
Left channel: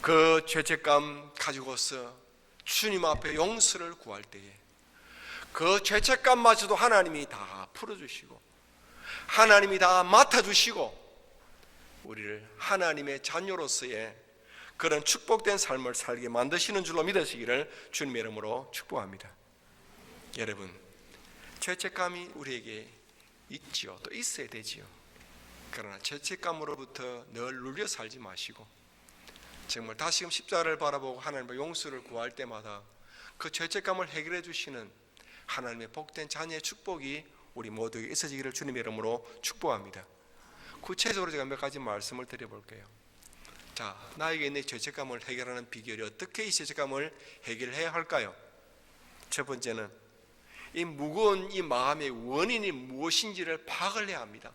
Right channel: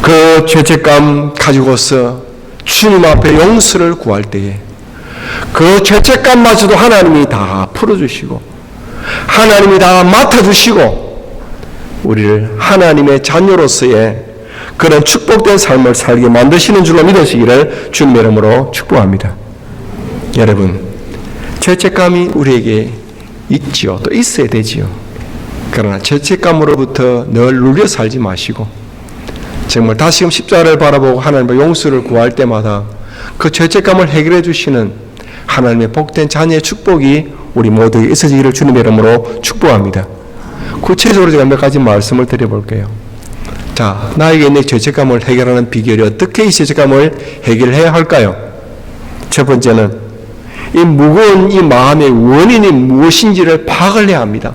그 죄책감 가지고서 주님 앞에 용서를 구할 때에 그 죄책감마저도 하나님이 다 풀어주시고 하나님이 다 맡아주시고 우리를 하나님의 자녀로서의 그런 축복된 삶을 살게 만드시는 줄로 믿으시기를 주님의 이름으로 축복합니다. 여러분 죄책감이 우리에게 있지요. 또 있어야 되지요. 그러나 죄책감으로부터 늘 눌려 살지 마시고 정말 다시금 십자가를 바라보고 하나님의 용서를 구할 때마다 그 죄책감을 해결해 주시는 하나님의 복된 자녀의 축복이 우리 모두에게 있어지기를 주님의 이름으로 축복합니다. 구체적으로 제가 몇 가지 말씀을 드려볼게요. 자, 나에게 있는 죄책감을 해결하는 비결이 어떻게 이 죄책감을 해결해야 할까요? 첫 번째는 이 무거운 이 마음의 원인이 무엇인지를 파악을 해야 합니다.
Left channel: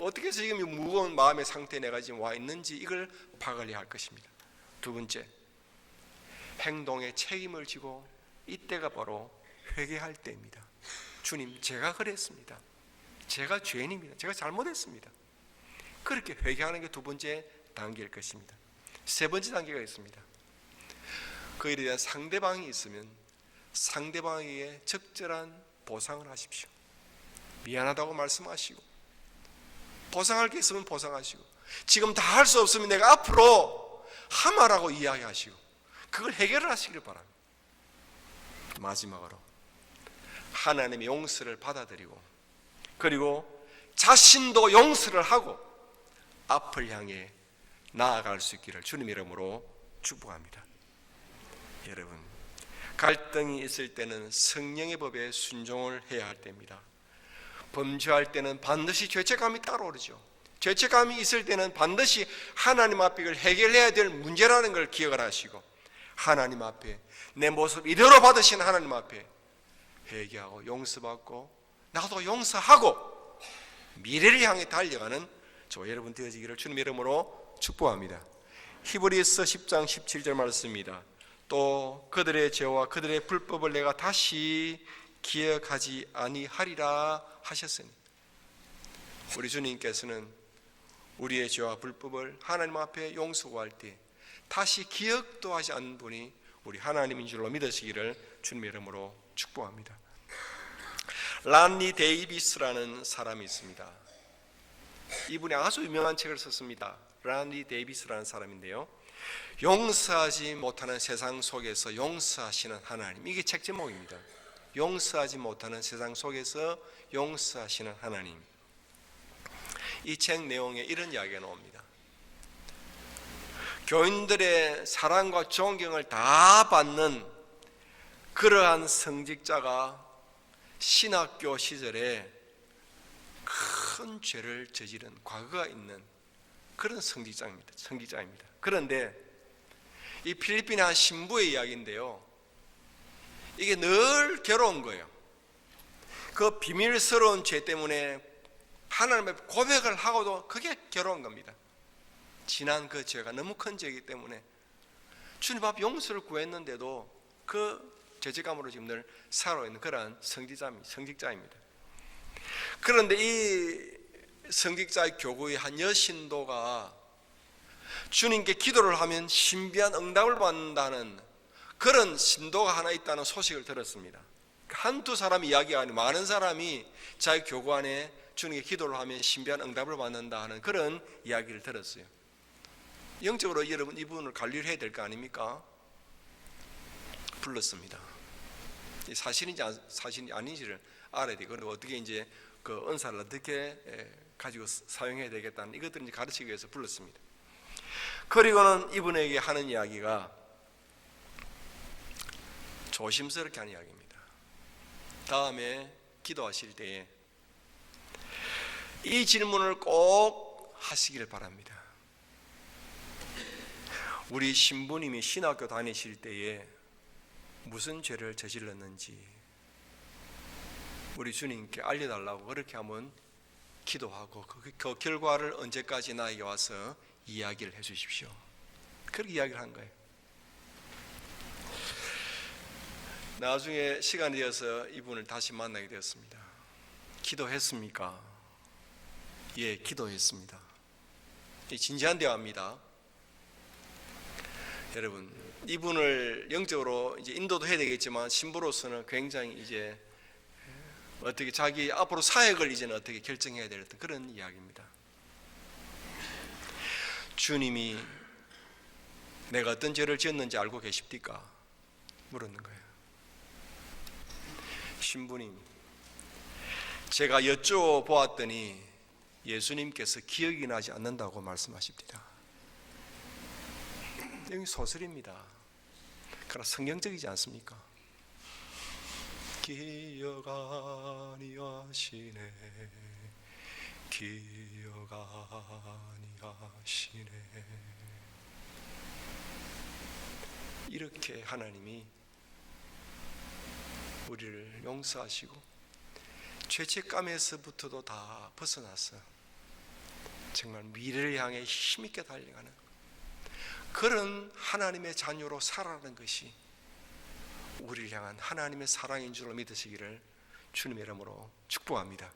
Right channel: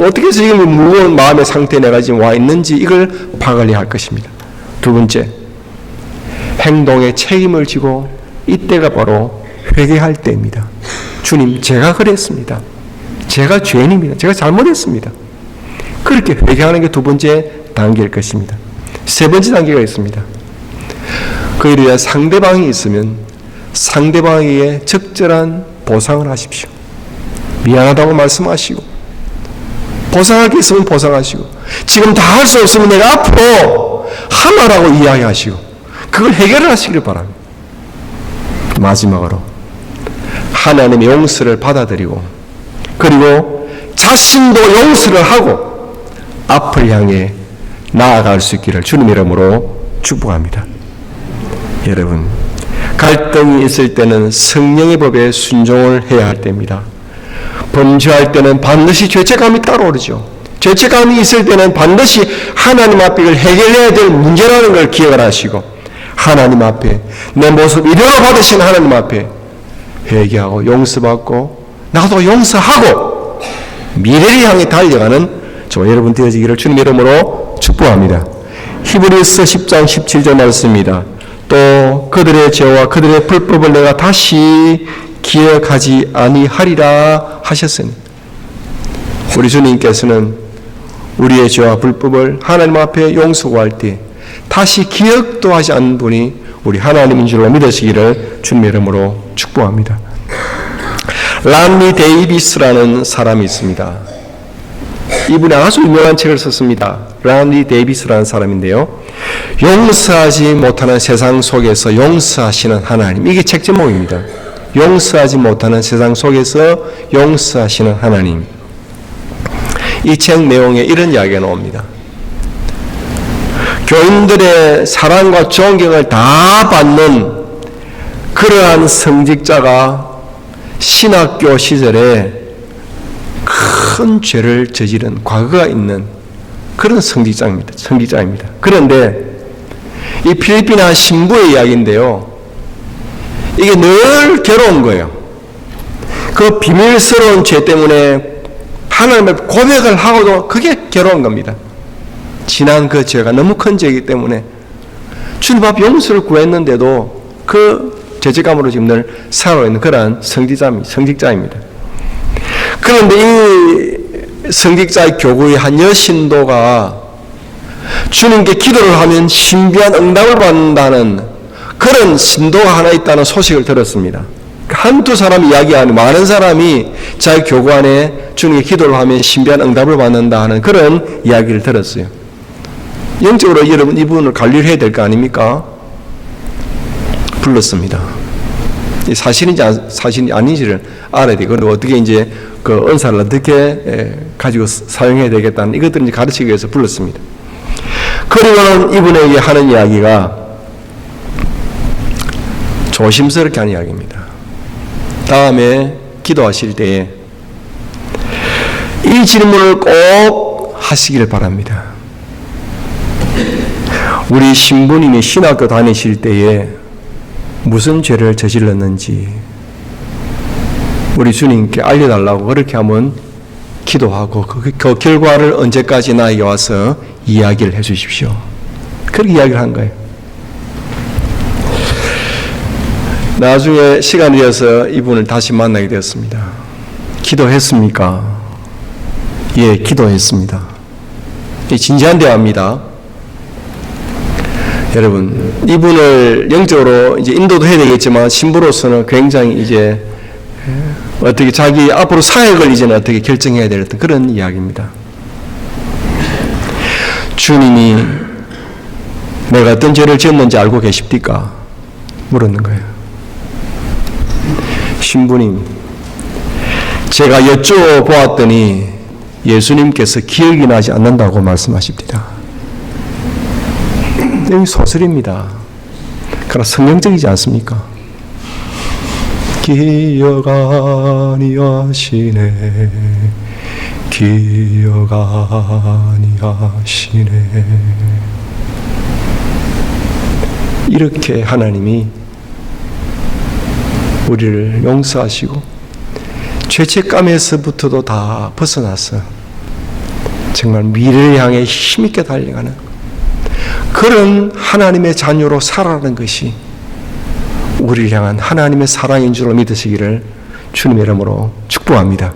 어떻게 해서 지금 무거운 마음의 상태에 내가 지금 와 있는지 이걸 파악을 해야 할 것입니다. 두 번째, 행동에 책임을 지고 이때가 바로 회개할 때입니다. 주님, 제가 그랬습니다. 제가 죄인입니다. 제가 잘못했습니다. 그렇게 회개하는 게 두 번째 단계일 것입니다. 세 번째 단계가 있습니다. 그에 대해 상대방이 있으면 상대방에게 적절한 보상을 하십시오. 미안하다고 말씀하시고, 보상할 게 있으면 보상하시고, 지금 다 할 수 없으면 내가 앞으로 하나라고 이야기하시고, 그걸 해결을 하시길 바랍니다. 마지막으로 하나님의 용서를 받아들이고, 그리고 자신도 용서를 하고 앞을 향해 나아갈 수 있기를 주님 이름으로 축복합니다. 여러분, 갈등이 있을 때는 성령의 법에 순종을 해야 할 때입니다. 범죄할 때는 반드시 죄책감이 따라오르죠. 죄책감이 있을 때는 반드시 하나님 앞에 이걸 해결해야 될 문제라는 걸 기억을 하시고, 하나님 앞에 내 모습 이대로 받으신 하나님 앞에 회개하고 용서받고 나도 용서하고 미래를 향해 달려가는 저 여러분 되어지기를 주님 이름으로 축복합니다. 히브리서 10장 17절 말씀입니다. 또 그들의 죄와 그들의 불법을 내가 다시 기억하지 아니하리라 하셨으니, 우리 주님께서는 우리의 죄와 불법을 하나님 앞에 용서할 때 다시 기억도 하지 않는 분이 우리 하나님인 줄로 믿으시기를 주님 이름으로 축복합니다. 란리 데이비스라는 사람이 있습니다. 이분이 아주 유명한 책을 썼습니다. 란리 데이비스라는 사람인데요, 용서하지 못하는 세상 속에서 용서하시는 하나님, 이게 책 제목입니다. 용서하지 못하는 세상 속에서 용서하시는 하나님. 이 책 내용에 이런 이야기가 나옵니다. 교인들의 사랑과 존경을 다 받는 그러한 성직자가 신학교 시절에 큰 죄를 저지른 과거가 있는 그런 성직자입니다. 그런데 이 필리핀 한 신부의 이야기인데요, 이게 늘 괴로운 거예요. 그 비밀스러운 죄 때문에 하나님의 고백을 하고도 그게 괴로운 겁니다. 지난 그 죄가 너무 큰 죄이기 때문에 주님 앞 용서를 구했는데도 그 죄책감으로 지금 늘 살아있는 있는 그러한 성직자입니다. 그런데 이 성직자의 교구의 한 여신도가 주님께 기도를 하면 신비한 응답을 받는다는 그런 신도가 하나 있다는 소식을 들었습니다. 한두 사람 이야기 아니고 많은 사람이 자기 교구 안에 주님께 기도를 하면 신비한 응답을 받는다 하는 그런 이야기를 들었어요. 영적으로 여러분 이분을 관리를 해야 될 거 아닙니까? 불렀습니다. 사실인지 사실이 아닌지를 알아야 되고, 어떻게 이제 그 은사를 어떻게 가지고 사용해야 되겠다는 이것들을 이제 가르치기 위해서 불렀습니다. 그리고는 이분에게 하는 이야기가 조심스럽게 하는 이야기입니다. 다음에 기도하실 때에 이 질문을 꼭 하시기를 바랍니다. 우리 신부님이 신학교 다니실 때에 무슨 죄를 저질렀는지 우리 주님께 알려달라고 그렇게 한번 기도하고 그 결과를 언제까지 나에게 와서 이야기를 해 주십시오. 그렇게 이야기를 한 거예요. 나중에 시간이 되어서 이분을 다시 만나게 되었습니다. 기도했습니까? 예, 기도했습니다. 진지한 대화입니다. 여러분, 이분을 영적으로 이제 인도도 해야 되겠지만 신부로서는 굉장히 이제 어떻게 자기 앞으로 사역을 이제는 어떻게 결정해야 될 그런 이야기입니다. 주님이 내가 어떤 죄를 지었는지 알고 계십니까? 물었는 거예요. 신부님, 제가 여쭤보았더니 예수님께서 기억이 나지 않는다고 말씀하십니다. 여기 소설입니다. 그러나 성경적이지 않습니까? 기억 아니하시네, 기억 아니하시네. 이렇게 하나님이 우리를 용서하시고 죄책감에서부터도 다 벗어나서 정말 미래를 향해 힘있게 달려가는 그런 하나님의 자녀로 살아가는 것이 우리를 향한 하나님의 사랑인 줄로 믿으시기를 주님의 이름으로 축복합니다.